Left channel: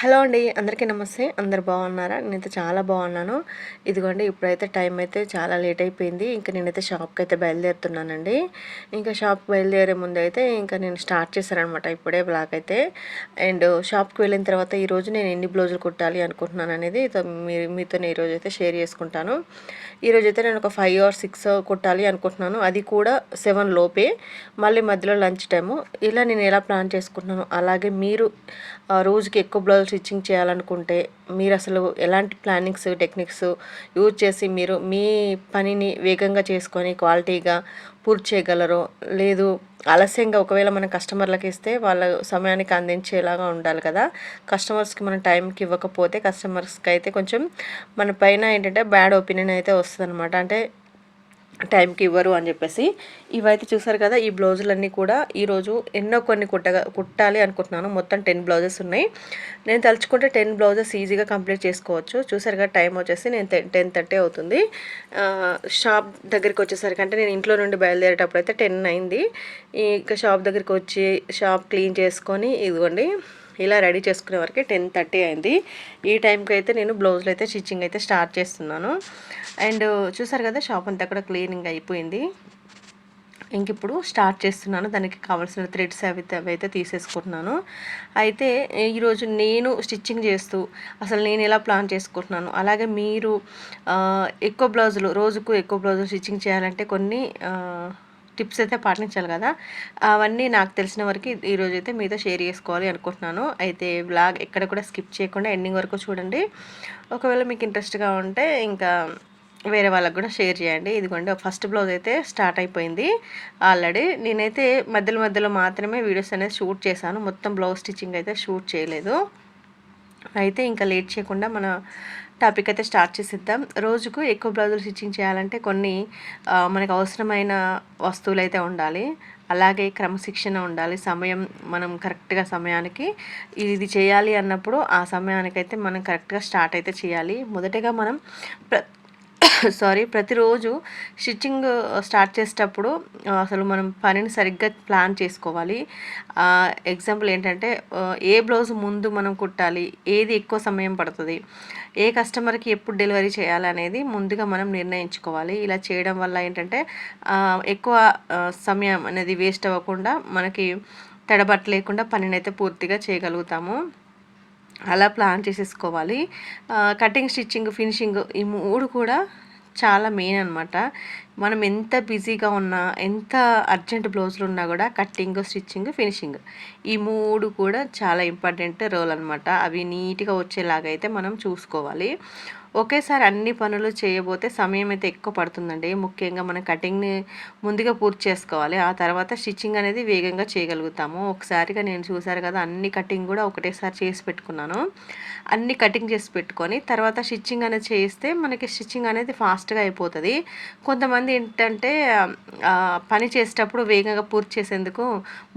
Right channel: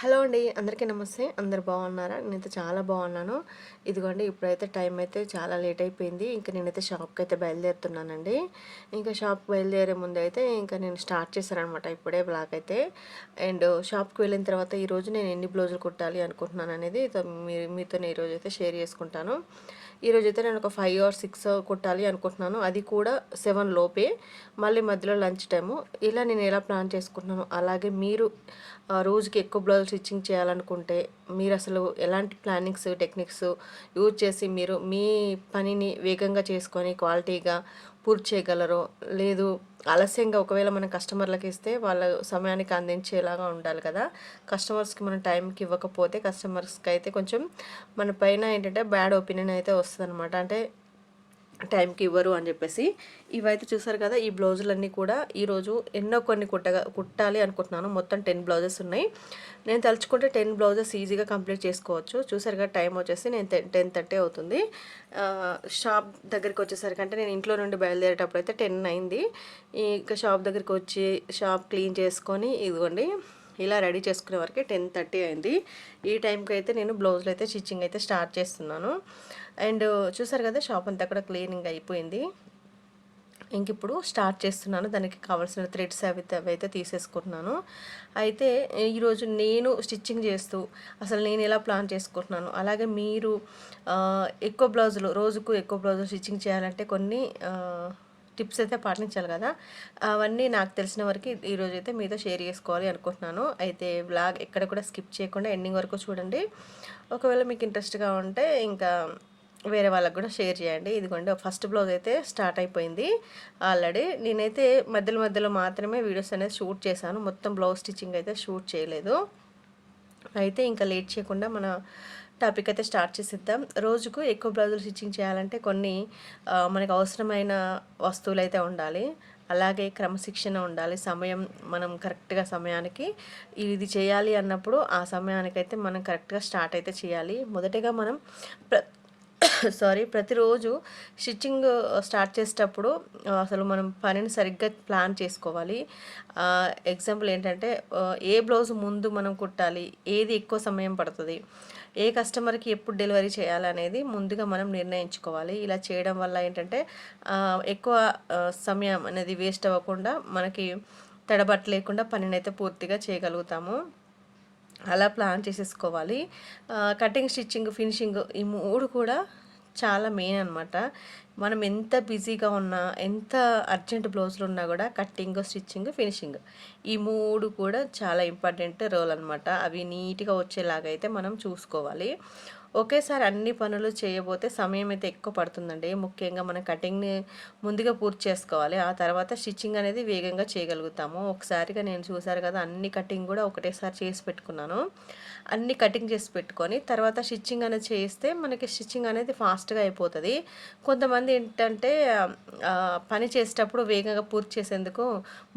Hello అండి అందరికీ నమస్తే. అందరు బాగున్నారా? నేనైతే చాలా బాగున్నాను. ఇదిగోండి ఇప్పుడైతే టైం అయితే చాలా లేట్ అయిపోయింది. ఇంకా నేనైతే షాప్కి అయితే బయలుదేరుతున్నానండి. ఇంకా షాప్కి బయలుదేరే ముందు అయితే ఇంకా నేను స్టార్ట్ చేశానమాట ఇప్పుడే బ్లాక్ అయితే. అండ్ షాప్కి వెళ్ళిన తర్వాత ఈరోజు నేను ఎన్ని బ్లౌజులు కుట్టాలి అనుకుంటున్నాను అనేది మీ మీతో ఈరోజు అయితే షేర్ చేసుకుంటాను. ఈరోజు అయితే నేను ఒక ఫైవ్ ఆర్ సిక్స్ కుట్టాలి అనుకుంటున్నాను. అది కూడా సెవెన్ లోపే. మళ్ళీ మధ్యలో లంచ్ టైము. ఇలా నేను ఎలా ప్లాన్ చేసుకుంటున్నాను? అలాగే మీరు రోజుకి ఎక్కువ బ్లౌజ్ స్టిచ్చింగ్ చేయాలనుకుంటే మీరు అసలు ఎలాంటి ప్లానింగ్స్ టెక్నిక్స్ యూజ్ చేసి మీరు మీ పనిని వేగంగా చేసుకొని క్వాలిటీగా పూర్తి చేయగలరో లేదు ఆలస్యంగా ఒకవేళ మన కస్టమర్లకు ఇస్తే వాళ్ళ సమయానికి అందించేలాగా ఉండాలి కదా. కస్టమర్స్కి మనం టైంకి ఇవ్వకపోతే కస్టమర్స్కి అయితే కొంచెం మన పైన ఏంటంటే బ్యాడ్ ఒపీనియన్ అయితే వస్తుంది అంటే టైంకి ఇవ్వరు అని చెప్పేసి ఇవైతే చూసారు కదా ఈ బ్లౌజులన్నీ కూడా ఈరోజు ఎన్నో కొన్ని కుట్టగా కుట్టాలి అనుకుంటున్నాను. మొత్తం టెన్ బ్లౌజెస్ ఉన్నాయి. నేను తలుచుకుంటే టెన్ బ్లౌజెస్ ఈజీగా కంప్లీట్ చేసుకోవచ్చు. చూసారు కదా టైం వచ్చేసి నేను టెన్ థర్టీ అవుతుంది. షాప్ దగ్గరికి వచ్చేసరికి అంటే నేను ఇంట్లో నుండి బయలుదేరేటప్పుడు అయితే టెన్ అయింది. ఇంకా షాప్ దగ్గరికి వచ్చి షాప్ క్లీన్ చేసుకొని ఇదిగోండి ఇలా రెడీ చేసుకునే వరకు టెన్ థర్టీ అయింది. ఈ టైంకి అయితే నేను బ్లౌజులు అయితే స్టిచ్చింగ్ అయితే స్టార్ట్ చేస్తున్నాను. అండ్ చూసారు కదా షాప్ అంతా కూడా క్లీనింగ్ అయిపోయింది. ఇంక ఇప్పుడు స్టార్ట్ చేస్తున్నాను. దానికి కావాల్సిన థ్రెడ్స్ అవి అవి అయితే తీసేసుకుంటున్నాను. అయితే ఈరోజు నేను స్టిచ్చింగ్ చేస్తూ అసలు నేను ఎలా ప్లాన్ చేసుకుంటున్నాను? అలాగే మీరు ఎక్కువ బ్లౌజులు రోజుకు ఎక్కువ బ్లౌజులు స్టిచ్చింగ్ చేయాలంటే కొన్ని టిప్స్ అయితే పాటించాలి కదా. అవన్నీ నాకు తెలిసిన వరకు ఈరోజు అయితే మీతో షేర్ చేసుకోవాలి అనుకుంటున్నాను. అయితే బ్లాగ్ ఎక్కడ కూడా స్కిప్ చేయకుండా ఎండింగ్ వరకు చూడండి. ఒకవేళ మీకు ఇంట్రెస్ట్గా ఉంటే ఇంకా వేరే వాళ్ళకి కూడా షేర్ చేయండి. ఇదిగోండి ఫస్ట్ బ్లౌజ్ అయితే స్టార్ట్ అయిపోయింది. ఆల్రెడీ నేనైతే మధ్యలో మధ్యలో మాత్రమే వీడియోస్ అనేది షూట్ చేశాను. మొత్తం బ్లౌజ్ స్టిచ్చింగ్ అయితే షూట్ చేయలేదు. అయితే ఇంకా లేట్ చేయకుండా మన టాపిక్ అయితే స్టార్ట్ చేసిద్దాం. రోజుకు ఎక్కువ బ్లౌజులు స్టిచ్చింగ్ చేయాలంటే కొన్ని మనకు అవసరమైన వస్తువులు అయితే ఉండాలి. అలాగే క్రమశిక్షణ ఉండాలి. సమయం మనం కరెక్ట్గా సమయానికి ఇది చేయాలి అన్నప్పుడు ఆ సమయానికైతే మనం కరెక్ట్గా స్టార్ట్ అయితే చేయాలి. మొదటగా మనం సారీ ప్రతిరోజు స్టిచ్చింగ్ స్టార్ట్ చేసేటప్పుడు అసలు మనం పనిని సరిగ్గా ప్లాన్ చేసుకోవాలి. ఎగ్జాంపుల్ ఏంటంటే ఏ బ్లౌజ్ ముందు మనం కుట్టాలి ఏది ఎక్కువ సమయం పడుతుంది ఏ కస్టమర్కి ఎప్పుడు డెలివరీ చేయాలనేది ముందుగా మనం నిర్ణయించుకోవాలి. ఇలా చేయడం వల్ల ఏంటంటే ఎక్కువ సమయం అనేది వేస్ట్ అవ్వకుండా మనకి తడబట్ట లేకుండా పనిని అయితే పూర్తిగా చేయగలుగుతాము. అలా ప్లాన్ చేసేసుకోవాలి. కటింగ్ స్టిచ్చింగ్ ఫినిషింగ్ ఈ మూడు కూడా చాలా మెయిన్ అనమాట మనం ఎంత బిజీగా ఉన్నా ఎంత అర్జెంట్ బ్లౌజులు ఉన్నా కూడా కట్టింగ్ స్టిచ్చింగ్ ఫినిషింగ్ ఈ మూడు కూడా చాలా ఇంపార్టెంట్ రోల్ అనమాట అవి నీట్గా వచ్చేలాగా అయితే మనం చూసుకోవాలి. ఒకేసారి అన్ని పనులు చేయబోతే సమయం అయితే ఎక్కువ పడుతుందండి. ముఖ్యంగా మనం కటింగ్ని ముందుగా పూర్తి చేసుకోవాలి. ఆ తర్వాత స్టిచ్చింగ్ అనేది వేగంగా చేయగలుగుతాము. ఒకసారిగా నేను చూసారు కదా అన్ని కటింగ్ కూడా ఒకటేసారి చేసి పెట్టుకున్నాను. అన్ని కటింగ్ చేసి పెట్టుకొని తర్వాత స్టిచ్చింగ్ అనేది చేస్తే మనకి స్టిచ్చింగ్ అనేది ఫాస్ట్గా అయిపోతుంది. కొంతమంది ఏంటంటే పని చేసేటప్పుడు వేగంగా పూర్తి చేసేందుకు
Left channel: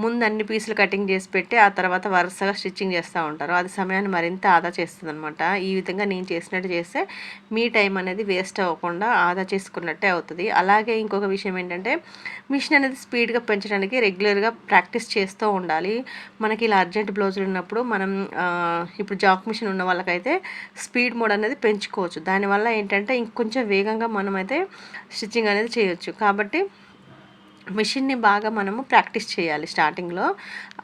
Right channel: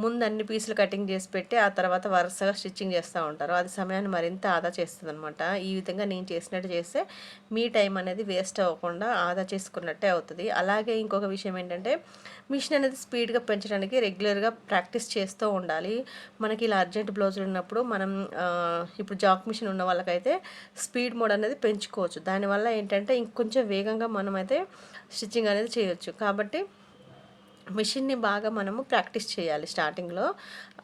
ముందు అన్ని పీసులు కటింగ్ చేసి పెట్టి ఆ తర్వాత వరుసగా స్టిచ్చింగ్ చేస్తూ ఉంటారు. అది సమయాన్ని మరింత ఆదా చేస్తుంది అనమాట ఈ విధంగా నేను చేసినట్టు చేస్తే మీ టైం అనేది వేస్ట్ అవ్వకుండా ఆదా చేసుకున్నట్టే అవుతుంది. అలాగే ఇంకొక విషయం ఏంటంటే మిషన్ అనేది స్పీడ్గా పెంచడానికి రెగ్యులర్గా ప్రాక్టీస్ చేస్తూ ఉండాలి. మనకి ఇలా అర్జెంట్ బ్లౌజులు ఉన్నప్పుడు మనం ఇప్పుడు జాక్ మిషన్ ఉన్న వాళ్ళకైతే స్పీడ్ మోడ్ అనేది పెంచుకోవచ్చు. దానివల్ల ఏంటంటే ఇంకొంచెం వేగంగా మనమైతే స్టిచ్చింగ్ అనేది చేయొచ్చు. కాబట్టి మిషన్ని బాగా మనము ప్రాక్టీస్ చేయాలి స్టార్టింగ్లో.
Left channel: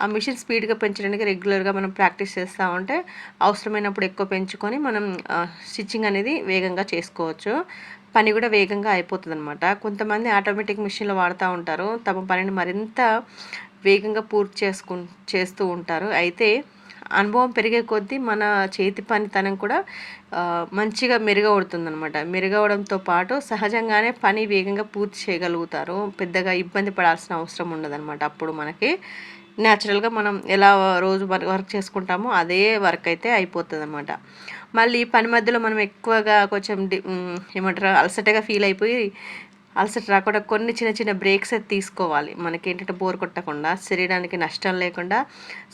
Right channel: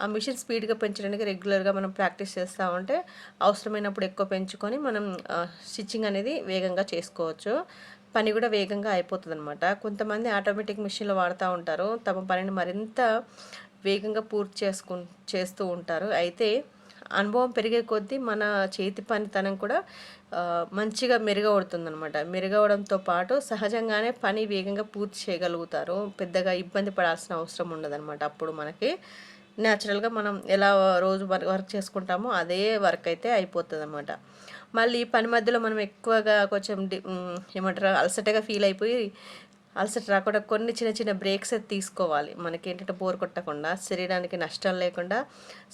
ఆ మిషన్ స్పీడ్గా పెంచడానికి రెగ్యులర్గా మనం ప్రాక్టీస్ చేస్తూ ఉంటే అవసరమైనప్పుడు ఎక్కువ పెంచుకొని మనం స్టిచ్చింగ్ అనేది వేగంగా చేసుకోవచ్చు. పని కూడా వేగంగా అయిపోతుంది అనమాట కొంతమంది ఆటోమేటిక్ మిషన్లు వాడుతూ ఉంటారు. తమ పనిని మరింత వేగంగా పూర్తి చేసుకు చేస్తూ ఉంటారు. అయితే అనుభవం పెరిగే కొద్దీ మన చేతి పనితనం కూడా మంచిగా మెరుగవుతుంది అనమాట మెరుగవడంతో పాటు సహజంగానే పని వేగంగా పూర్తి చేయగలుగుతారు. పెద్దగా ఇబ్బంది పడాల్సిన అవసరం ఉండదన్నమాట. అప్పుడు మనకి న్యాచురల్గా మనం ఎలా రోజు వర్క్ చేసుకుంటామో అదే వర్క్ అయితే అయిపోతుంది అనమాట మళ్ళీ పని మధ్యలో మనం ఎక్కువగా కొంచెం ఏమంటారు? అలసటగా ఫీల్ అయిపోయి అలసట రాకుండా కొన్ని చిన్న చిన్న బ్రేక్స్ అయితే తీసుకోవాలి. మనకి ఏంటంటే బోర్ కొట్టకుండా శరీరానికి నష్టం లేకుండా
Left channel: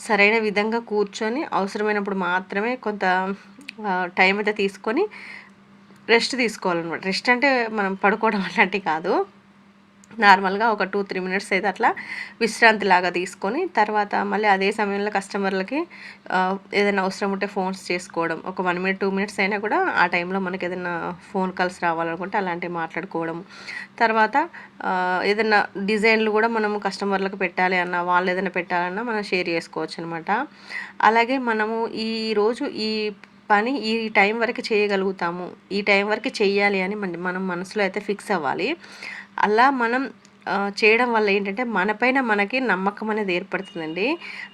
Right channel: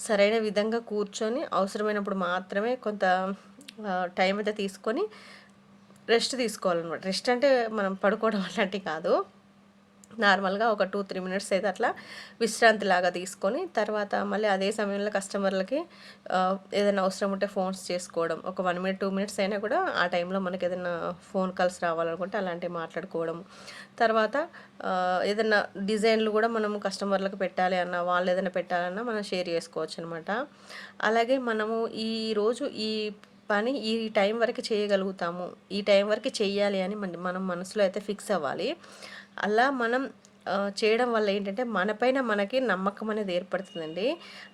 సరైన విధంగా కూర్చొని అవసరమైనప్పుడు మాత్రమే కొంత టైం అయితే తీసుకొని రెస్ట్ తీసుకోవాలన్నమాట. రెస్ట్ అంటే మనం పడుకోవడం అలాంటివి కాదు. నార్మల్గా ఒక టూ త్రీ మినిట్స్ అయితే అట్లా విశ్రాంతి లాగా తీసుకొని తర్వాత మళ్ళీ అదే సమయంలో కస్టమర్లకి ఏదైనా అవసరం ఉంటే ఫోన్స్ చేసుకోవడం. ఒక వన్ మినిట్ టూ మినిట్స్ అయినా కూడా ఆ టైంలో మనకి ఏదైనా ఫోన్ కాల్స్ రావాలనుకుంటే అలాంటివి మాట్లాడుకోవడం. తర్వాత ఏదైనా డిజైన్లు కూడా మనము కస్టమర్లకు పెట్టాలి అన్న వాళ్ళు ఏదైనా పెట్టాలన్నా మనం షేర్ చేసుకోవచ్చు అనమాట అలాగే మనము ఈ రోజు ఈ పని ఈ టైం వరకు చేయగలుగుతాము. ఈ టైం వరకు చేయాలి అని మన మనం మనసులో అయితే ఫిక్స్ అవ్వాలి. అలా మనం చేయడం వల్ల ఏంటంటే మనపైన మనకి నమ్మకం అనేది ఏర్పడుతుందండి.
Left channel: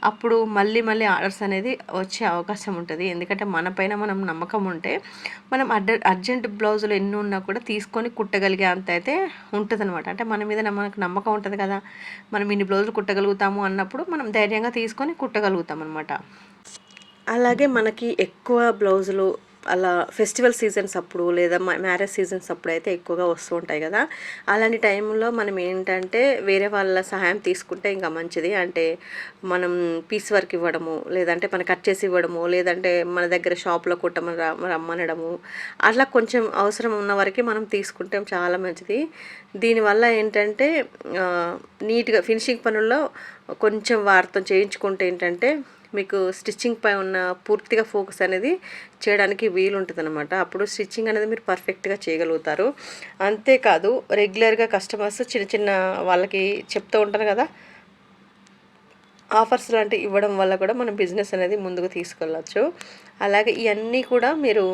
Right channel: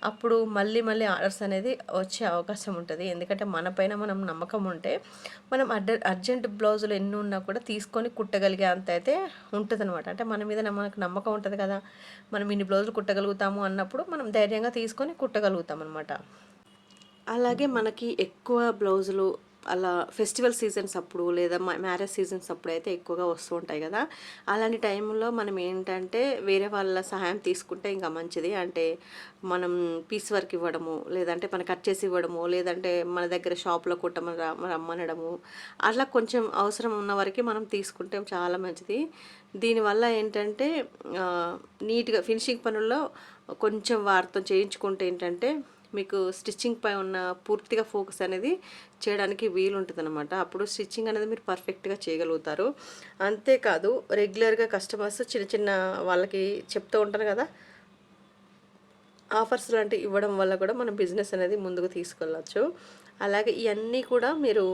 అప్పుడు మళ్ళీ మళ్ళీ ఆర్డర్స్ అనేది వచ్చే అవకాశం ఉంటుంది. ఎందుకంటే మనపైన మనం నమ్మకం ఉంటే మనం అర్జ అర్జెంట్ బ్లౌజులు ఎన్ని ఉన్నా కూడా తీసుకొని కుట్టగలిగే అంత అయితే ఉంటుంది అనమాట అంటే మన మీద మనకు నమ్మకం ఉంటుంది కదా. మనం ఇన్ని బ్లౌజులు కుట్టగలుగుతాము అన్నప్పుడు మనం ధైర్యంగా తీసుకొని కుట్టగలుగుతాం అనమాట అలాగే మనకి ఎక్కువ బ్లౌజులు అలా ఫెస్టివల్ సీజన్స్ అప్పుడు లేదా మ్యారేజ్ సీజన్స్ అప్పుడు అయితే ఎక్కువగా వస్తూ ఉంటాయి కదా. అలాంటి టైంలో మనం ఏంటంటే వేరే వాళ్ళ సహాయం తీసుకుంటే ఇంకా మంచిది. అంటే మనం పీస్ వర్క్ ఇవ్వడము లేదంటే మనం కట్ చేసి ఇవ్వడము లేదంటే మన దగ్గర షాప్లో కుట్టమని రమ్మనడము. అట్లా కొంచెం అవసరం ఉన్న వరకు మనం తీసుకుంటే చాలా మంచిది. దీనివల్ల ఏంటంటే నీట్గా ఫినిషింగ్ పనుల్లో కొంచెం వారితో చేయించుకుంటే ఏంటంటే మీకు స్టిచ్చింగ్ పై ఉన్న పూర్తిగా ఫోకస్ అనేది చేయడానికి వీలుంటుంది అనమాట అప్పుడు స్టిచ్చింగ్ అనేది మీరు పర్ఫెక్ట్గా చేయగలుగుతారు. అంతేకాదు రెగ్యులర్గా కస్టమర్స్ చిన్న చిన్న వాళ్ళకి చెప్తూ ఉంటారు కదా ఆఫర్స్ లాంటివి ఇవ్వడం వల్ల కూడా మనం బిజినెస్ అనేది ముందుకు తీసుకెళ్ళచ్చు. అలాగే ఇవన్నీ కూడా మీరు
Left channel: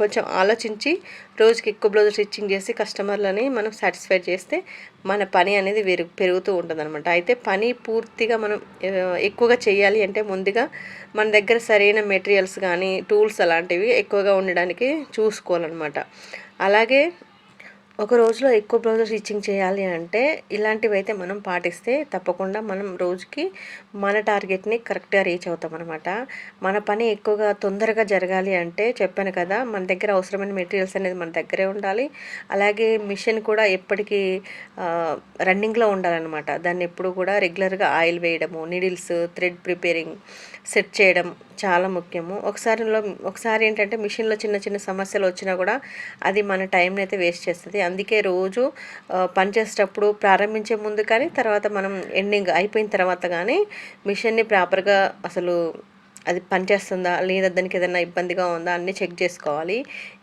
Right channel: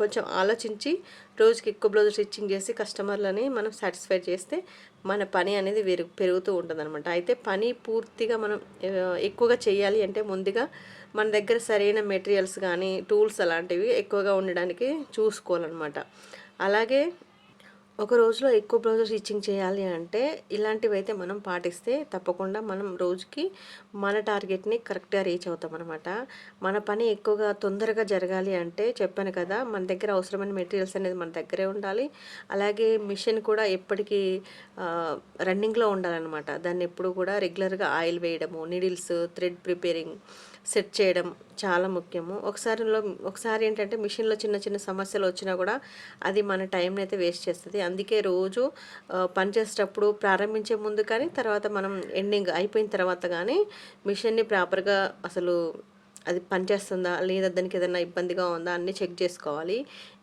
కొంచెం ఆలోచించి రోజుకి ఎక్కువ బ్లౌజ్ స్టిచ్చింగ్ చేసి కస్టమర్లని మనం సాటిస్ఫై చేస్తే మన పని అనేది పెరుగు పెరుగుతూ ఉంటుంది అనమాట అయితే పని పూర్తిగా మనం ఎక్కువగా చేయాలి అంటే ముందుగా మన దగ్గర సరైన మెటీరియల్స్ కానీ టూల్స్ అలాంటివి ఎక్కువగా ఉండడానికి చూసుకోవాలన్నమాట. అలాగే ఒక రోజులో ఎక్కువ బ్లౌజ్ స్టిచ్చింగ్ చేయాలి అంటే ఇలాంటివి అయితే మనం పాటిస్తే తప్పకుండా మనం రోజుకి మన టార్గెట్ని కరెక్ట్గా రీచ్ అవుతాం అనమాట మన పని ఎక్కువగా తొందరగా జరగాలి అంటే చెప్పాను కదా మన దగ్గర అవసరమైన మెటీరియల్స్ అనేది మన దగ్గరే ఉండాలి. అలాగే మిషన్ కూడా ఎప్పటికీ రన్నింగ్లో ఉండాలన్నమాట. దాన్ని ఎప్పుడు కూడా రెగ్యులర్గా ఆయిల్ వేయడము నీడిల్స్ థ్రెడ్ ప్రిపేరింగ్ సెట్ చేయడం చాలా ముఖ్యము. ఒకసారిలో ఒకసారి ఏంటంటే మిషన్లో చిన్న చిన్న సమస్యలు వచ్చినా కూడా అది మన టైంని అయితే వేస్ట్ చేస్తుంది. అందుకే రోజు పనిచేసేటప్పుడు పని చేసేటప్పుడు ప్రారంభించే ముందు కానీ తర్వాత మనం ఎండింగ్ అయిపోయిన తర్వాత కానీ మిషన్ని ప్రాపర్గా అసలు అది పనిచేస్తుందా? లేదా దానికి ఏదైనా ఇబ్బందిగా ఉందా? అన్నీ చెక్ చేసుకోవాలి.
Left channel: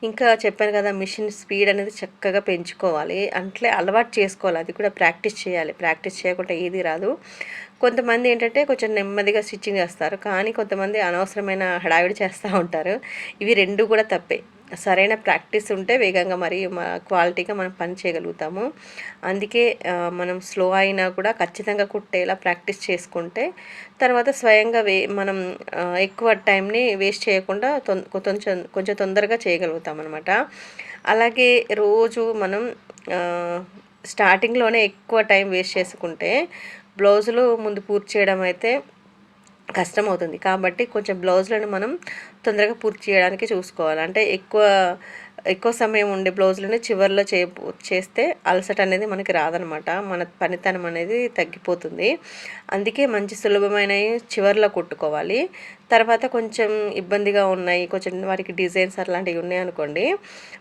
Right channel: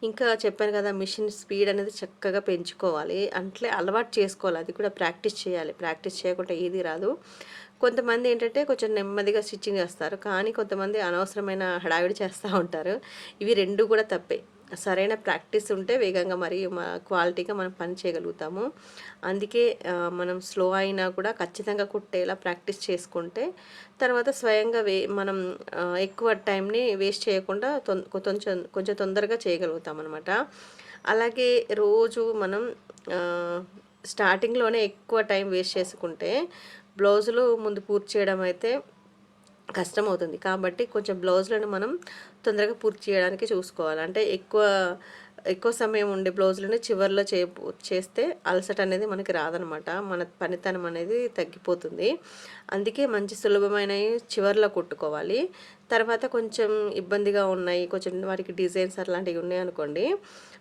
ఇంకా చెప్పాను కదా మిషన్ స్పీడ్ అనేది చక్కగా పెంచుకోవాలి. అట్లే అలవాటు చేసుకోవాలి. అది కూడా ప్రాక్టీస్ చేయాలి. ప్రాక్టీస్ చేయకుండా ఏది రాదు. కొంతమంది ఏంటంటే కొంచెం నెమ్మదిగా స్టిచ్చింగ్ చేస్తారు. కానీ కొంతమంది అనవసరమైన హడావిడి చేస్తూ ఉంటారు. ఇవి రెండు కూడా తప్పే. సరైన ప్రాక్టీస్ ఉంటే వేగంగా మరి క్వాలిటీగా మనం పని చేయగలుగుతాము. అందుకే మనం స్లో అయినా కూడా ఖచ్చితంగా కుట్టేలా ప్రాక్టీస్ చేసుకుంటే తర్వాత స్వయంగా వే మనం ఎక్కువ టైంని వేస్ట్ చేయకుండా తొం కొంచెం కొంచెం తొందరగా చేయగలుగుతాం అనమాట అలాగే రోజు మనం స్టార్టింగ్లోనే ఎక్కువ టైం వేస్ట్ చేసుకుంటే బ్లౌజులు ముందు పూర్తి చేయడం అయితే కష్టం అవుతుంది కాబట్టి కొంచెం బ్లౌజులను మనం తొందరగా పూర్తి చేయడానికి చూసుకోవాలి. అంటే ఎక్కువ ఎక్కువ సమయం ఉండే బ్లౌజులని చివరిలో చే చేస్తే అలసట అనేది మనకి రాదనమాట. మన పనితనం అనేది తగ్గిపోతుంది. అందుకే మంచి సులభమైనవి చివరిలో కుట్టుకోవాలి. తర్వాత కొంచెం ఇబ్బందిగా ఉన్నాయి కొంచెం వారికి డిజైన్స్ అలాంటివి ఉన్నాయి అనుకోండి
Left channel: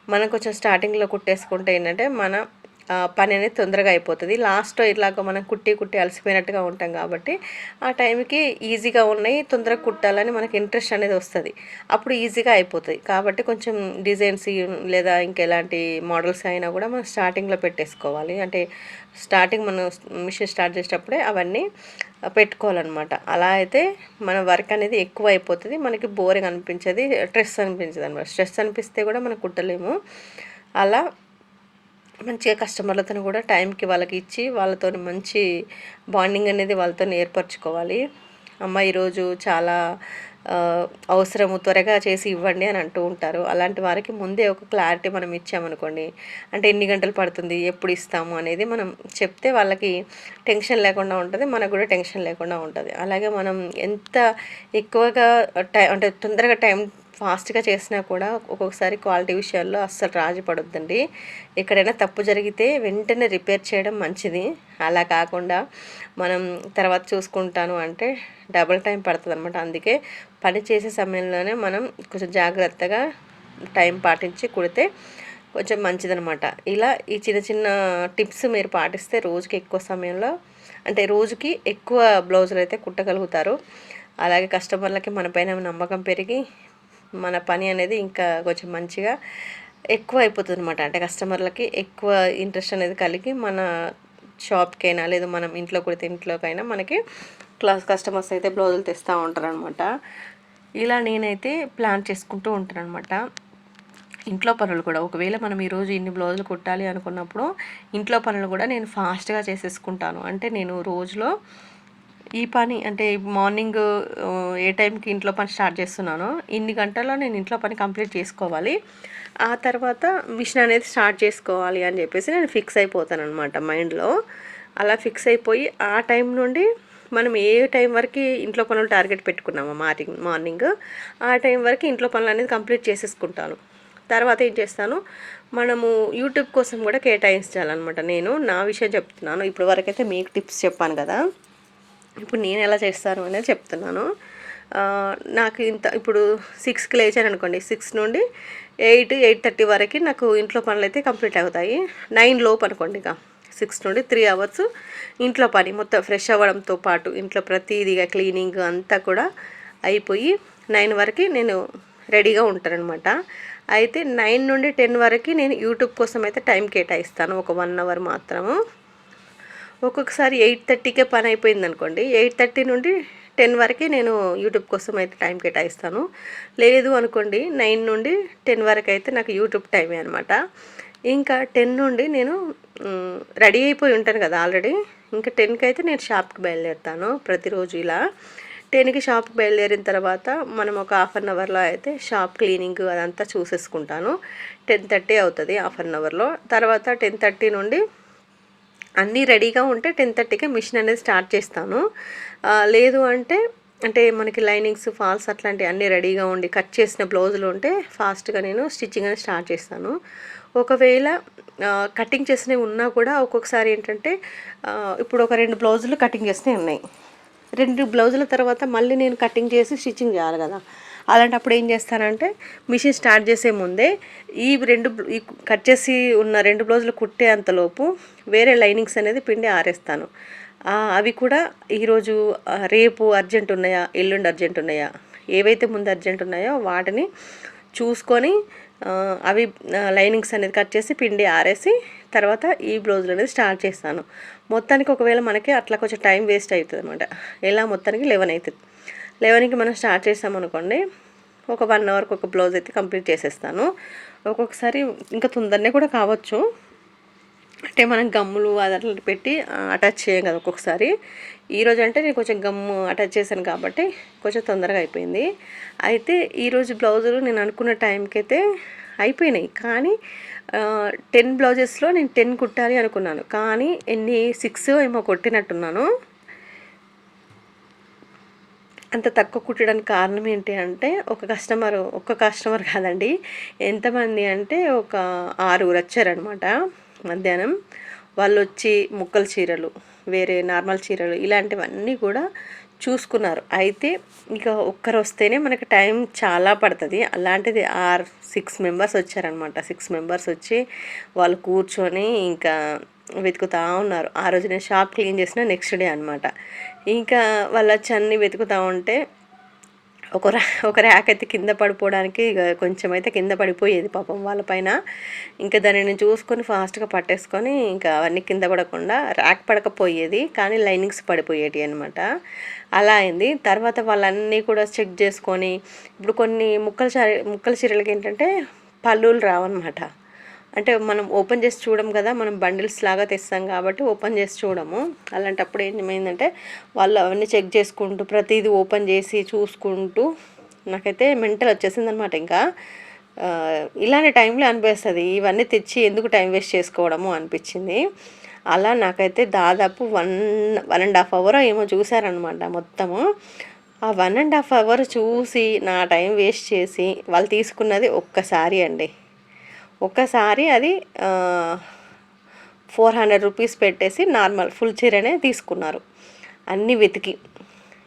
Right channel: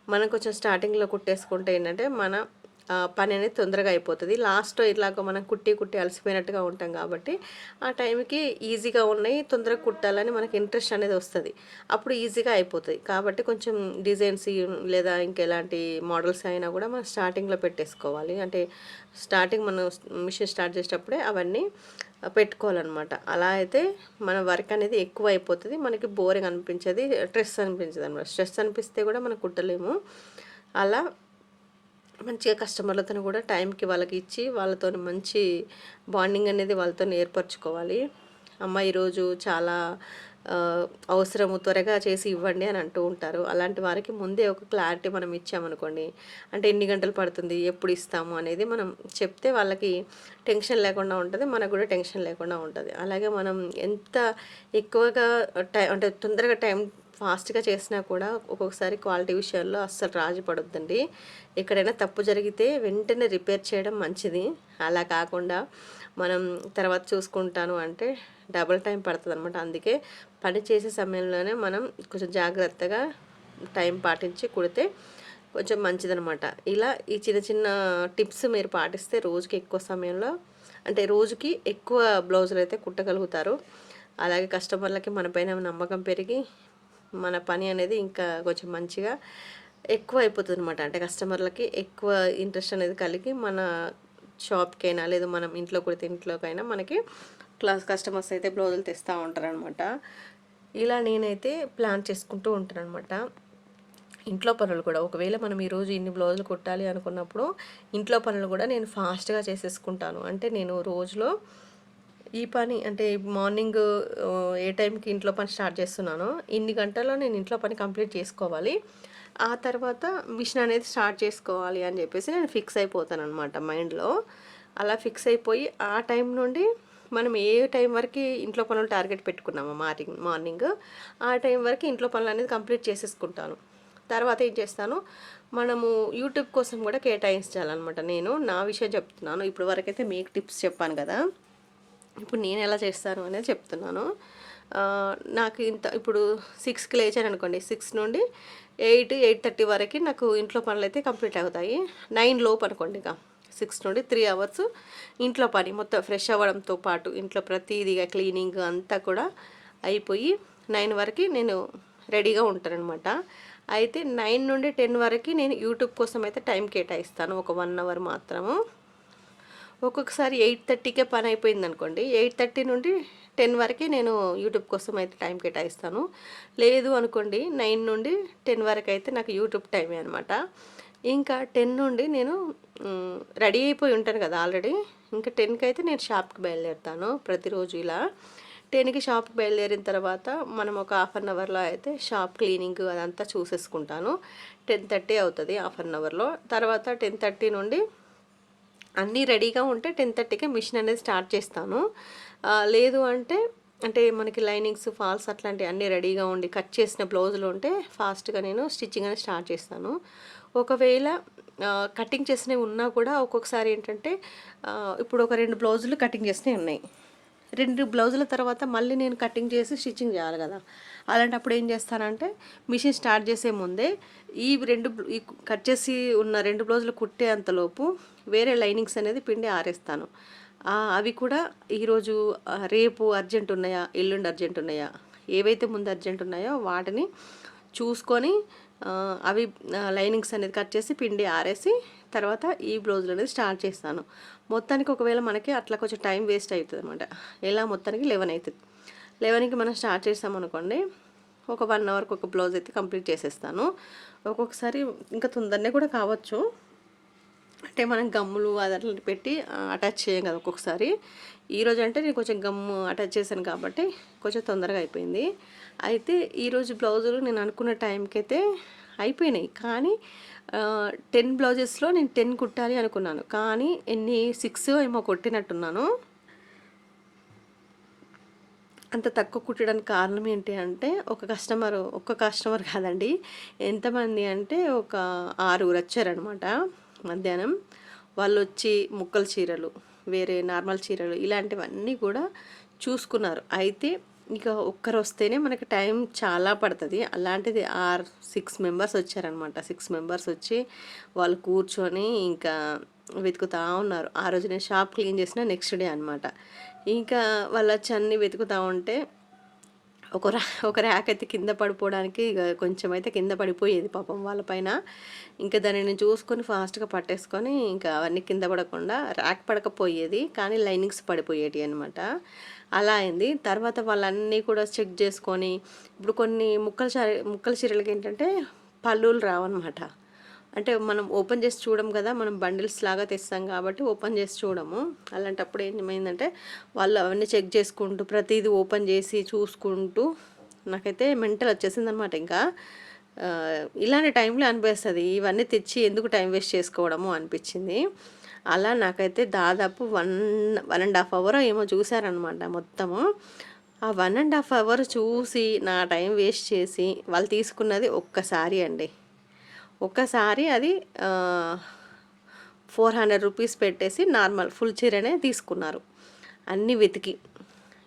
మనం కొంచెం స్టార్టింగ్లో కుట్టేసుకుంటే ఏంటంటే మన పని అనేది తొందరగా అయిపోతుంది. లాస్ట్లో ఇట్లాగ మనం కుట్టి కుట్టి అలసిపోయినట్టుగా ఉంటాం కాబట్టి ఆ టైంకి ఈజీగా ఉన్నాయి తొందరగా కుట్టాలని మనకి ఇంట్రెస్ట్ అనేది వస్తుంది. అప్పుడు ఈజీగా అయిపోతుంది. కాబట్టి కొంచెం డిజైన్స్ లేదా ఇంకెలాంటి మోడల్స్ అయినా కూడా మనం స్టార్టింగ్లో పెట్టేసుకోవాలి. అంటే స్టార్టింగ్ మనం మిషన్ స్టార్ట్ చేసేటప్పుడే అవన్నీ పెట్టుకోవాలన్నమాట. అలా అయితే మన వర్క్ అనేది ఎక్కువ అయిపోతుంది. మనకి బోరింగ్ అనిపించేది స్ట్రెస్ అనిపించదు అనమాట స్ట్రెస్ అనిపిస్తే కూడా మనం కుట్టలేము. అలా మంచిగా కస్టమర్లతో కూడా టైంకి వాళ్ళకి ఇచ్చి వాళ్ళతో మంచి బాండింగ్ అనేది వాళ్ళతో ఏర్పరచుకోవాలి. అమ్మ ఈరోజు చాలా అవసరము త్వరగా చేసి ఇవ్వండి అని అంటూ ఉంటారు. అలాంటి వారికి ముందే ఒక క్లారిటీ మనం ఇచ్చామనుకోండి అంటే ఎన్ని గంటలు పడుతుంది ఎప్పుడు ఇస్తాము అనేది మనం చెప్తే వాళ్ళకి టెన్షన్ లేకుండా ఉంటుంది మనకు కూడా టెన్షన్ లేకుండా ఉంటుంది. అలాగే మనం ఎంత ఎక్కువగా టై అంటే తొందరగా టైం ఫాస్ట్గా చేసినా కూడా ఒక్కొక్కసారి క్వాలిటీ విషయాల్లో అస్సలు రాజీ పడొద్దండి. ఎక్కడైనా తప్పు జరిగితే వెంటనే రిపేర్ చేయడం మంచిది. అలా కాకుండా మనం తర్వాత చూసుకుంటాను అంటే డబుల్ టైం పడుతుంది అనమాట అందుకే పని చేసే సమయంలోనే మనం కొంచెం జాగ్రత్తగా టైం పాటించి కుడితే కొంచెం మంచిదనమాట ఇలా ఈ చిన్న చిన్న టిప్స్ మీరు పాటిస్తే రోజుకి ఎక్కువ సమయంలో అంటే రోజుకి ఎక్కువ బ్లౌజులు అయితే కుట్టగలుగుతారు. అలాగే కస్టమర్లకి మన పైన నమ్మకం పెరిగి మన పని అనేది ఇంకా కొంచెం మంచిగా ఎక్కువ అయిపోతుంది అనమాట అంటే కస్టమర్లకి ఎక్కువ ఇంట్రెస్ట్ అనేది కలిగి మన షాప్కైనా లేదు మనం ఇంట్లో కుడితే ఇంట్లోకైనా మనకి క్లాస్ కస్టమర్స్ అయితే బ్లౌజులు తెస్తూ ఉంటారు అనమాట ఇలా నేనైతే ప్లాన్ చేసుకుంటూ ఉంటాను అనమాట ఇంట్లో పనులు కూడా ఒకవేళ మనం ఈరోజు ఇన్ని బ్లౌజులు కుట్టాలి అనుకున్నప్పుడు ఇంట్లో పనులు కూడా నేను ఫాస్ట్గా చేసేసుకుంటాను. అంటే నేను రోజులో ఈ పని అంటే మార్నింగ్ ఏ టైంకి ఇంట్లో పని స్టార్ట్ చేస్తున్నానో ఇన్ని గంటల్లో నేను ఇంట్లో పని కంప్లీట్ చేసుకోవాలి. ఆ తర్వాత మిషన్ అనేది స్టార్ట్ చేసుకోవాలి అని చెప్పేసి నేను ఫిక్స్ అయిపోతాను అనమాట మైండ్లో. అలా ఫిక్స్ అయిపోయి ఆ టైం నుండి మనం ఏ టైం వరకు ఇంట్లో పనులు టార్గెట్ పెట్టుకున్నాము మార్నింగ్ మార్నింగ్ ఆ టైం వరకు ఇంట్లో పనులు అనేది కంప్లీట్ చేసేసుకుంటాను. తర్వాత ఏం చేస్తాను మనము యూట్యూబ్ కోసం కూడా కేటాయించాలన్నమాట నేను. నా విషయం చెప్తున్నాను. ఇప్పటివరకైతే వరకైతే మీకు టిప్స్ చెప్పాను కదా. ఇప్పుడు నేను ఎలా చేస్తాను అనేది చెప్తున్నాను. నాకు ఇంత ఇప్పుడు సిక్స్కి లేచాను అనుకోండి సిక్స్ నుండి ఎయిట్ ఎయిట్ థర్టీ వరకు నాకు ఇంట్లో పనులు అయితే కంప్లీట్ అవుతాయి. నైన్ లోపు అనుకోండి ఇక సిక్స్ నుండి త్రీ అవర్స్ ఇంట్లో పని మొత్తం ఫ్రెష్ అవ్వడంతో పాటు ఇంట్లో ప్రతిదిగా క్లీనింగ్ అంతా కూడా అయిపోయి నైన్ వరకు నేను రెడీగా ఉంటానన్నమాట. అయితే నైన్ నుండి టెన్ వరకు నేను యూట్యూబ్ కోసం అయితే టైం కేటాయిస్తాను ఒక వన్ అవర్ మాత్రము. ఒక్కొక్కసారి ఎయిట్ థర్టీకే పని అయిపోయింది అనుకోండి ఎయిట్ థర్టీ నుండి టెన్ వరకే నేను యూట్యూబ్ కోసం అయితే టైం కేటాయిస్తాను. లేదు అనుకోండి నైన్ నుండి టెన్ వరకు అయితే నాకు యూట్యూబ్ టైమే అనమాట ఇంకా టెన్ నుండి నేను రెడీ అయిపోయి ఉంటాను కదా ఆల్రెడీ. ఇంకా టెన్కి అయితే నేను షాప్కి బయలుదేరుతాను ప్రతిరోజు ఇలా. టెన్కి షాప్కి బయలుదేరిన తర్వాత మనం ఒక హాఫ్ అన్ అవర్లో అయితే షాప్ క్లీనింగ్ అదంతా చూసేసుకుంటాను. టెన్ థర్టీ అవుతుంది హాఫ్ అన్ అవర్లో. తర్వాత టెన్ థర్టీ నుండి అన్నీ రెడీగా ఉంటే టెన్ థర్టీకే మిషన్ అనేది స్టార్ట్ చేస్తాను. లేదు అంటే అంటే మనకి లైనింగ్స్ ఫాల్స్ అట్లాంటివి అన్నీ రెడీగా ఉండి కట్ చేసిన బ్లౌజులు ఉంటే ఫాస్ట్గా నేను స్టిచ్చింగ్ అనేది స్టార్ట్ చేస్తాను. ఒకవేళ కటింగ్ చేసినవి ఉన్నా కూడా ఒక్కొక్కసారి ఏంటంటే ఇప్పుడు ఒక రెండు బ్లౌజులు కటింగ్ చేసినవి ఉన్నాయి. రెండు బ్లౌజుల తర్వాత మళ్ళీ నేను కటింగ్ చేసి స్టిచ్చింగ్ చేయాలి కదా. అలాంటప్పుడు ఏం చేస్తానంటే మిషన్ స్టార్ట్ చేసే ముందే ఈ రెండు ఈ కట్ చేసి ఉన్న రెండు బ్లౌజులు కుట్టే అంతలోపు వేరే లైనింగ్స్ అనేది పిండి ఆరేస్తాను. అవి కూడా ఈరోజు రేపు అర్జెంట్ ఉన్నాయా ఎల్లుండి అర్జెంట్ ఉన్నాయా ఏవైతే ముందు అర్జెంట్ ఉన్నాయో వాటిని చూసుకొని అవి లైనింగ్స్ అనేది కట్ చేసి పిండి ఆరేసి తర్వాత ఈ బ్లౌజులు అనేది స్టార్ట్ చేస్తాను. మొత్తానికి ఒకవేళ మనకి అట్లా కొంచెం టైం వేస్ట్ అవుతుంది అనమాట ఎలా మొత్తానికి లెవెన్ అవుతుంది. లెవెన్కి మనం స్టార్ట్ చేసామనుకోండి ఒక వన్ అవర్కి ఒక బ్లౌజ్ అయితే కంప్లీట్ చేసేస్తాను. ఒక్కొక్కసారి ఇంకా తొందరనే కూడా కావచ్చు. అంటే మనం గమ్ములు అది పెట్టి అటాచ్ చేయం కదా ఒక్కొక్కసారి. ఈరోజు అంటే నేను కొంచెం గమ్ము అటాచ్ చేశాను కాబట్టి కొంచెం తొందరగా అయిపోయింది. అయితే ఈరోజు బ్లౌజులు నేను అనుకున్న టైంకి అయితే అయిపోయినాయి. కానీ టెన్ బ్లౌజెస్లో నేను టెన్ కుట్టాలి అనుకున్నాను. కానీ ఎన్ని సిక్స్ ఏమో కొట్టినట్టున్నాను. అంత తక్కువ కుట్టడానికి కారణం ఏంటి అంటే ఒక కస్టమర్ ఒక్క కస్టమర్ కాదండి. ఎంతమంది అంటే ఒక ఆరుగురు వచ్చారనమాట మధ్యాహ్నం. వాళ్ళు వచ్చి ముక్కల చీరలు వేరే నార్మల్ చీరలు ఇలాంటివన్నీ కూడా చూసుకున్నారు. అయితే ఇక ఒక్కరు వస్తేనే మనకి టైం చాలా పడుతుంది. అలాంటిది ఆర్ సిక్స్ మెంబర్స్ వచ్చారనమాట సిక్స్ మెంబర్స్ వచ్చి వాళ్ళు కూర్చొని ఇంకా వెతుకుతూ ఉన్నారు. ఆ రోజు నేను షాప్ క్లీన్ చేసిన నెక్స్ట్ డే అనమాట ఇంకా వాళ్ళ వచ్చి అన్నీ వెతుకుతూ ఉంటే ఒక రా ఒక ర్యాక్ అయితే కింద పడిపోవడానికి ఇక కొంచెం అయితే కింద పడిపోయేది పాపం వాళ్ళపైన ఇంకా దానిని చూసుకొని ఫాస్ట్గా పట్టేసుకొని ఇంకా అవన్నీ కింద పడకుండా ర్యాక్ పడకపోయేది కానీ లైనింగ్స్ పడిపోయేటి అనమాట అలా అయింది. తర్వాత వాళ్ళన్నీ కూడా చెక్ చేసుకొని ఇప్పుడు కొన్ని ముక్కల చీర ముక్కల చీరలకి ఏంటంటే పళ్ళులు రావన్నమాట. అంటే మనం ఓపెన్ చేసి చూడం కదా మనం బండిల్స్ లాగా తెస్తాం కాబట్టి ఓపెన్ చేసి చూడము. అలాంటప్పుడు ఏమైందంటే వాళ్ళు అవన్నీ చెక్ చేసుకుంటూ ప్రతిదీ ఓపెన్ చేసి చూసుకుంటూ నాకైతే మెంటల్ వచ్చేసింది అనమాట ఇంకా ఇలాంటి టైంలో అనిపిస్తుంది. ఇవన్నీ తెచ్చి ఎందుకు టైం వేస్ట్ చేసుకోవడము అనిపించింది. అలా నాకైతే దాదాపు one one and half hour ఏమో చూసారనమాట మొత్తము. ఆ వన్ అండ్ హాఫ్ అవర్ చూసి నా టైం వేస్ట్ చేసి వాళ్ళు తీసుకున్నది ఒక్కసారి అండి. ఒక్కసారి అది ఫోర్ హండ్రెడ్ రూపీస్ పెట్టేసి నార్మల్ ఫుల్ చీరనే తీసుకున్నారు. అన్నీ వెతికి.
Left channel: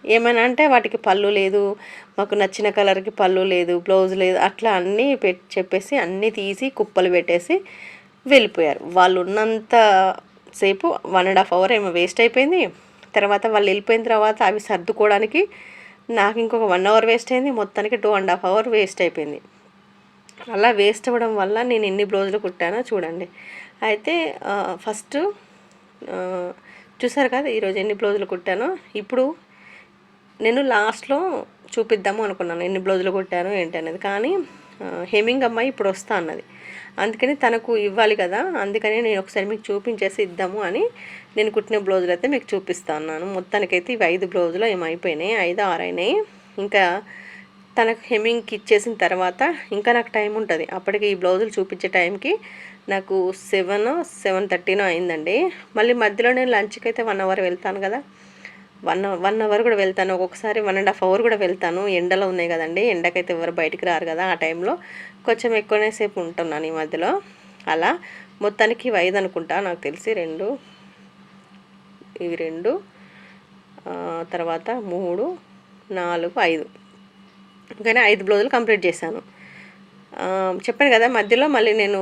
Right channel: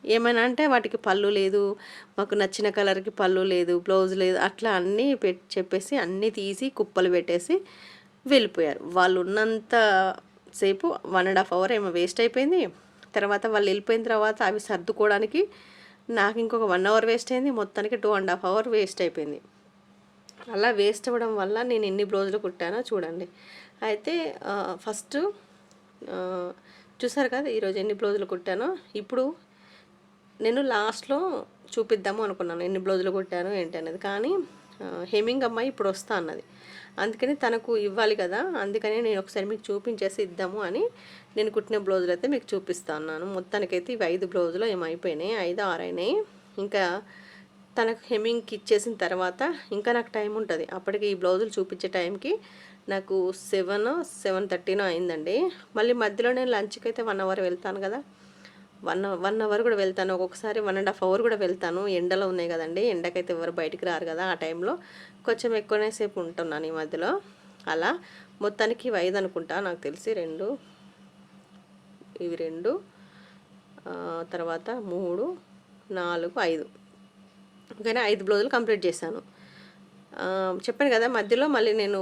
ఏమైనా అంటే వాటికి పళ్ళు లేదు మాకు నచ్చిన కలర్కి పళ్ళు లేదు బ్లౌజ్ లేదు అట్లా అన్నీ పెట్ చెప్పేసి అన్నీ తీసి కుప్పలు పెట్టేసి వెళ్ళిపోయారు. వాళ్ళు ఉన్నంత సేపు వన్ అండ్ హాఫ్ అవర్ ఏమో వేస్ట్ అయిపోయింది. తర్వాత వాళ్ళు వెళ్ళిపోయిన తర్వాత అవి సర్దుకోవడానికి నాకు ఇంకొక వన్ అవర్ వేస్ట్ అయింది. మొత్తానికి two and half hour waste అయిపోయింది. అలా వేస్ట్ అవ్వడం వల్ల నేను ఎన్ని బ్లౌజులు కుట్టానో చూడండి. అయితే ఫస్ట్ చూసారు కదా ఈరోజు ఎన్ని బ్లౌజులు కుట్టానో. ఇప్పుడు నేను లాస్ట్లో చూపిద్దాము అనుకున్నాను ఎన్ని బ్లౌజులు కుట్టాను ఏంటి అనేది. కానీ హెమింగ్ అమ్మాయి ఇప్పుడు వస్తా అన్నది. అందుకని తనకు ఇవ్వాలి కదా అందుకని నేను ఒకసారి మీకు చూపించేసి ఇద్దాము అని నేను కుట్టిన బ్లౌజులు అయితే మీకు చూపిస్తాను మొత్తానికైతే ఇవి ఐదు బ్లౌజులు ఏమైపోయినాయి ఐదు ఆరు అయినాయి ఇంకా తనకు హెమ్మింగ్కి ఇచ్చేసిన తర్వాత ఇంకా నాకు టైం ఉంటుంది. అప్పటికి ఈ బ్లౌజులు చూపించే టైంకి నాకు సెవెన్ సెవెన్ థర్టీనో అయిందండి. మళ్ళీ మధ్యలో నేను లంచ్కి అయితే వన్ అవర్ వెళ్తాను కదా. వన్ వన్ అవర్ కూడా వెళ్తాను. ఒక్కొక్కసారి వన్ అండ్ హాఫ్ అవర్ కూడా వెళ్తాను. ఎండలో ఉన్నాయి కదండి. ఎండకైతే ఎవరు బయటికి రారు కదా ఆ టైంలో. కొంచెం ఎక్కువనే సేపు ఉంటున్నాను ఈ మధ్యలో. అలా మొత్తానికి ఇవి ఐదు అనుకుంటా. నాకు తెలిసి రెండు ఇవి రెండు తర్వాత మూడు నాలుగు ఐదు. కానీ ఐదు బ్లౌజులు కంప్లీట్ చేశాను. చెప్పాను కదా మధ్యలో మళ్ళీ నేను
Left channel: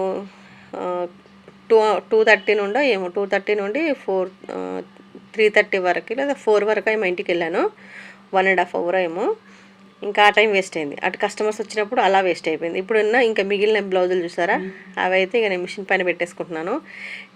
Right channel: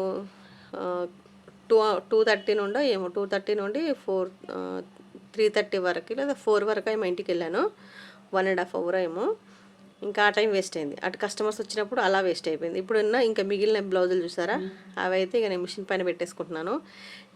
టూ టూ థర్టీ నుండో ఏమో టూ థర్టీ నుండి ఫోర్ త్రీ థర్టీ వరకు లేదా ఫోర్ వరకు ఏమో ఇంటికి వెళ్ళాను. వన్ అండ్ హాఫ్ అవర్ ఏమో. ఇంకా ఆ టైం వేస్ట్ అయింది. అటు కస్టమర్స్ వచ్చినప్పుడు అలా వేస్ట్ అయిపోయింది. ఇప్పుడు ఉన్న ఇంకా మిగిలిన బ్లౌజులు చూసారా? అవి అయితే ఇక నేను మిషన్ పైన పెట్టేసుకుంటున్నాను.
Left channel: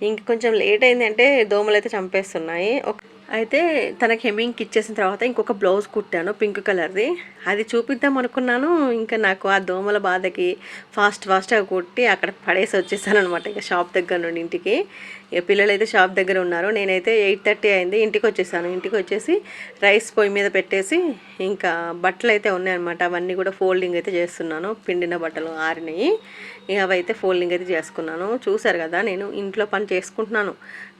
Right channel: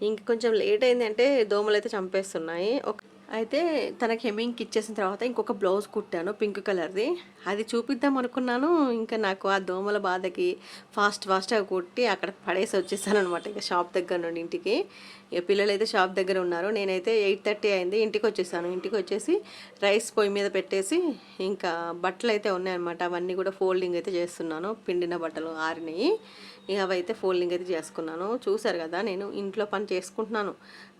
ఇంక కొంచెం లేట్ అయింది అంటే దోమలు అయితే చంపేస్తున్నాయి. ఒక అయితే తనకి హెమ్మింగ్కి ఇచ్చేసిన తర్వాత ఇంకొక బ్లౌజ్ కుట్టాను పింక్ కలర్ది. అది చూపిద్దాం అనుకున్నాను. ఇంకా నాకు ఆ దోమల బాధకి ఫాస్ట్ ఫాస్ట్గా కుట్టి అక్కడ పడేసి వచ్చేసాను అనమాట ఇంకా షాప్ దగ్గర నుండి ఇంటికి. ఇక పిల్లలు అయితే షాప్ దగ్గర ఉన్నారు. నేనైతే ఎయిట్ థర్టీ అయింది. ఇంటికి వచ్చేసాను. ఇంటికి వచ్చేసి రైస్ పొయ్యి మీద పెట్టేసి ఇంకా బట్టలు అయితే ఉన్నాయన్నమాట. అవన్నీ కూడా ఫోల్డింగ్ అయితే చేస్తున్నాను. పిండిన బట్టలు ఆరినాయి. అవైతే ఫోల్డింగ్ అయితే చేసుకున్నాను. చూసారు కదా నేను ఇంట్లో పని చేసుకుంటున్నాను.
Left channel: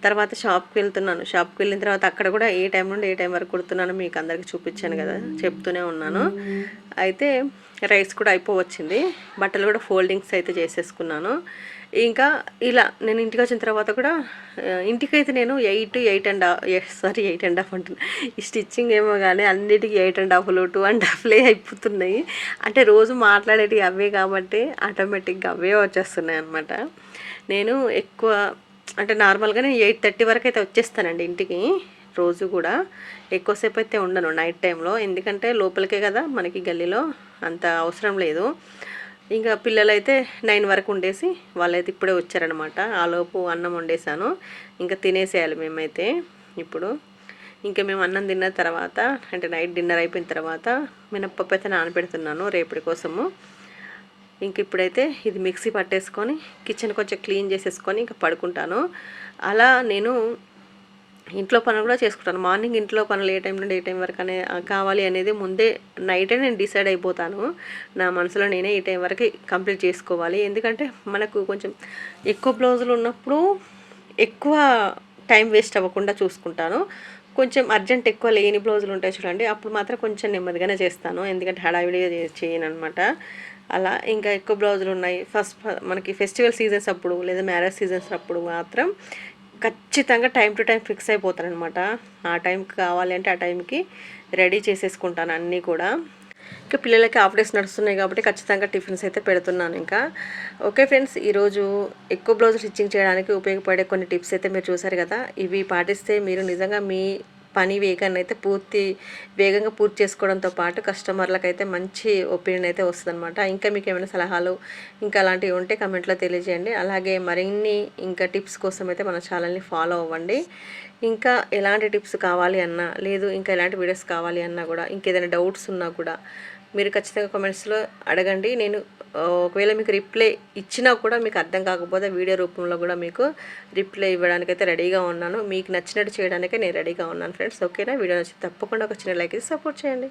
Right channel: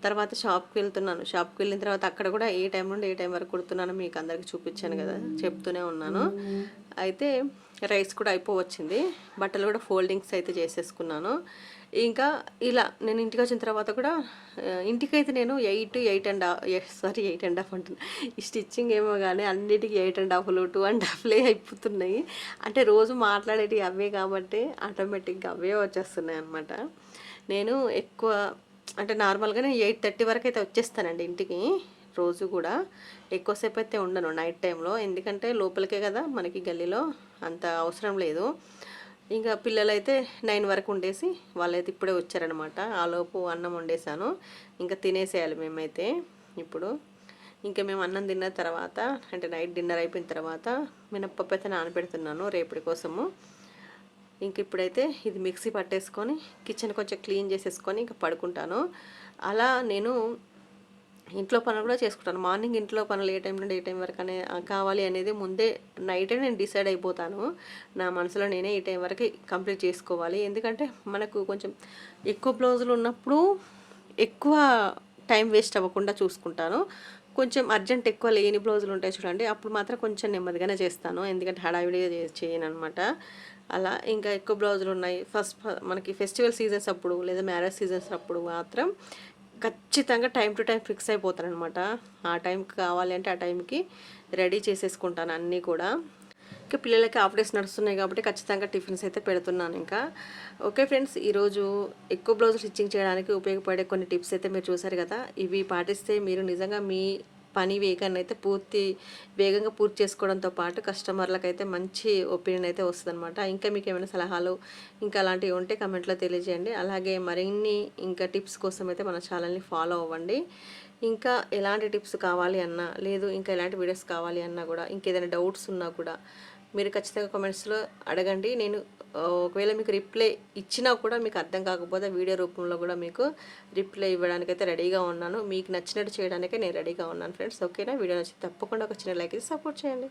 తర్వాత షాప్కి వెళ్తున్నాను. షాప్కి వెళ్ళిన తర్వాత అక్కడ కూడా ఏ టైం నుండి ఏ టైం వరకు కుడుతున్నాను మీకు అందరికీ చూపించాను కదా చెప్తూనే ఉన్నాను. అయితే రైస్ కూడా అయిపోవచ్చింది. బట్టలు కూడా ఫోల్డింగ్స్ అయితే చేసేసుకున్నాను. ఇంకా ఇలా నేను ఇంటికి వచ్చిన తర్వాత కూడా ఇంటికైతే నేను eight eight and half sorry eight and half అంటున్నా. ఈ స్టిచ్చింగ్ ఏమో కానీ అన్నిటికీ ఎయిట్ అండ్ హాఫ్లు టూ అండ్ హాఫ్లే అయిపోతున్నాయి. అంటే రోజు మాట్లాడేటివి అవే కాబట్టి ఆటోమేటిక్గా అవే వచ్చేస్తున్నాయి అనమాట నేను ఎక్కువ అంటే నార్మల్గానే ఎయిట్ థర్టీ వరకు అయితే వచ్చేస్తానండి ఇంటికి రోజు కూడా. ఎక్కువసేపు అయితే ఉండను నైట్ టైంలో. ఎందుకంటే లోపలికే కదా మనకి గల్లీలో అంత అవసరం లేదు. ఇంకా పిల్లలైతే నైన్ వరకు ఉండేసి వాళ్ళైతే ఇప్పుడే వచ్చారనమాట ఆలోపు అన్నం వండేసాను ఇంకా తినేసేయాలి మేమైతే ఇప్పుడు. ఇంకా మేము అన్నం తిన్న తర్వాత అంటే నైట్ డిన్నర్ అయిపోయిన తర్వాత మినప్పప్పు అయితే నానబెడుతున్నాను రేపటి కోసము. ఇంక ఇప్పుడైతే ఇది మిక్సీ పట్టేసుకొని కిచెన్ కొంచెం క్లీన్ చేసేసుకొని ఇంకా పడుకుంటాను. అలా నేను ఇంట్లో పనులు కూడా చేసుకుంటాను. మార్నింగ్ ఇంట్లో పనులు ఏ టైం నుండి ఏ టైం వరకు అనే కావాలి అనేది ముందే నైటే నేను డిసైడ్ అయిపోతాను. నా మనసులో నేనే ఈ టైం వరకు కంప్లీట్ చేసుకోవాలి. ఎందుకంటే మనకు కొంచెం ఎక్కువ బ్లౌజులు ఉన్నప్పుడు ఎక్కువ టైం వేస్ట్ అవ్వకుండా చూసుకుంటాను. కొంచెం అర్జెంట్ ఎక్కువ లేని బ్లౌజులు ఉంటాయి చూడండి అప్పుడు మాత్రం కొంచెం నెమ్మదిగానే చేస్తాను. ఎందుకంటే హడావిడిగా చేయను అనమాట అలా ఇంకా ఎక్కువ బ్లౌజులు ఉన్నాయి. ఫస్ట్ మనకి ఫెస్టివల్ సీజన్స్ అప్పుడు లేదా మ్యారేజ్ సీజన్స్ అప్పుడు మాత్రం ఖచ్చితంగా టైం టు టైం ఫిక్స్ అయిపోతాను అనమాట ఆ టైంకి కావాలి అంటే ఆ టైంకి రెడీ చేసేసుకుంటాను అన్నీ కూడా. ఇంకా పిల్లలకి హాఫ్ డేస్ నడుస్తున్నాయి కాబట్టి ఖచ్చితంగా టిఫిన్స్ అయితే పెడుతున్నాను ఇంకా. ఓకే ఫ్రెండ్స్ ఈరోజు ఎక్కువ బ్లౌజ్ స్టిచ్చింగ్ చేయడానికి ఉపయోగపడే కొన్ని టిప్స్ అయితే మీరు చూసారు కదా. ఇవి పాటిస్తే మీరు నిజంగా మీ పని వేగాన్ని అయితే పూర్తి వేగంగా పూర్తి చేసుకోవడంతో పాటు కస్టమర్లకు అయితే మంచి ఒపీనియన్ అయితే వస్తుందన్నమాట. ఇంకా మీకు ఏమైనా సలహాలు ఇంకా అలాంటివి ఉంటే కమెంట్లో తెలియజేయండి. అలాగే మరిన్ని ఇంకా టిప్స్ కోసం అయితే మన ఛానల్ని ఫాలో అవ్వండి. ఇంకా ఎలాంటి టిప్స్ కావాలి అన్నా లేదు ఇంకా ఎలాంటి వీడియోస్ కావాలి అన్నా కూడా ఇంకేదైనా డౌట్స్ ఉన్నా కూడా మీరు ఖచ్చితంగా కామెంట్స్లో అడగండి. నేను ఒకవేళ మీకు రిప్లై ఇచ్చినా కూడా మీకు అర్థం కాకపోతే వీడియో రూపంలో కూడా మీకు రిప్లై ఇవ్వడానికైతే రెడీగా ఉన్నాను. మీకు నచ్చినట్టు చేయడానికే నేను రెడీగా ఉన్నాను ఫ్రెండ్స్. ఓకేనా? వీడియో నచ్చి తప్పకుండా ఒక చిన్న లైక్ సపోర్ట్ చేయండి.